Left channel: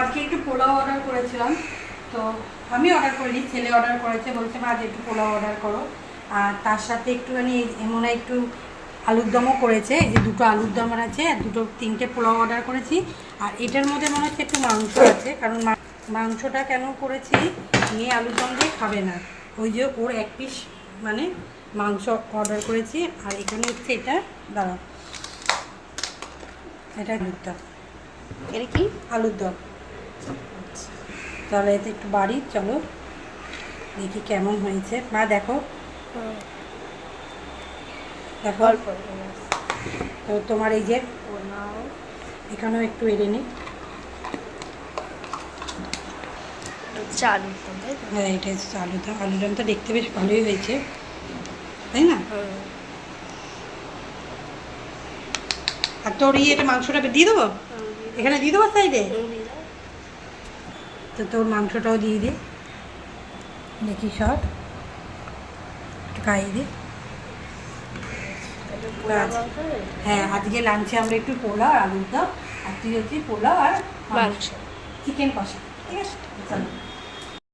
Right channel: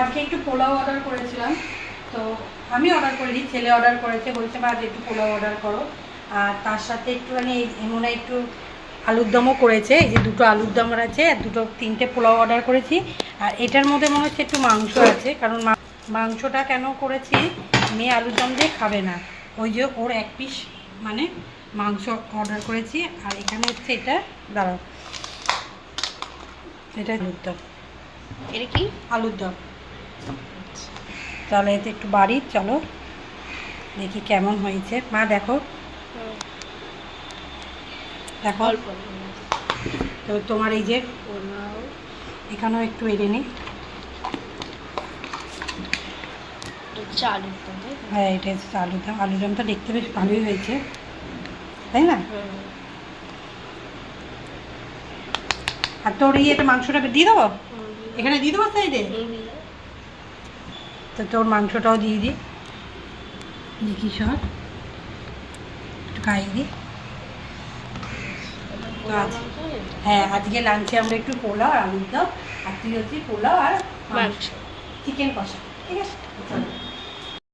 আজকে একটু পোলাও অর্ডার করেছিলাম, তো আমি অর্ডার করিনি, ছেলে অর্ডার করেছে, বলছে মা আজ একটু পোলাও অর্ডার করো। আর তার সাথে একটুখানি এমন একটু আলুর দমও করেছে, এই যে দুটো আলুর দম আছে আর তিনটে পোলাও অর্ডার করেছি। আর এটার মধ্যে মনে হচ্ছে একটু মাংস আছে, কারণ মাংসটা কেন করেছি, মেয়ে আলুর দম দিয়ে খাবে না, ওই যে ওর এক পিস মানে মাংস অর্ডার করেছি। আর এখানে হচ্ছে এটা, দাঁড়াও, এটা আলুর দম, এটা কি আলুর দম। তাহলে এতে একটু বাড়ি, চলো দেখি কেমন হয়েছে। মা দেখো, দেখো অল্প তো তোমার এই যে এখানেও একটু এড়ে নিই। চালু, হ্যাঁ এটা হচ্ছে আলুদম। আলুদম তো দেখতে বেশ ভালোই হয়েছে, তাই না? আর তোর এটা মাংসটা দিয়ে দেবো, এখানে দিয়ে দেবো সাইডে, তো তোর মাংসটাও দিয়ে দিই, দেখি সর একটু খাইয়ে দিই। হ্যাঁ আজকে লাঞ্চে আমরা একটু পোলাও আর আলুর দম, আর তুই হচ্ছে পোলাও আর মাংস, চিকেন কষা, ঠিক আছে চলো।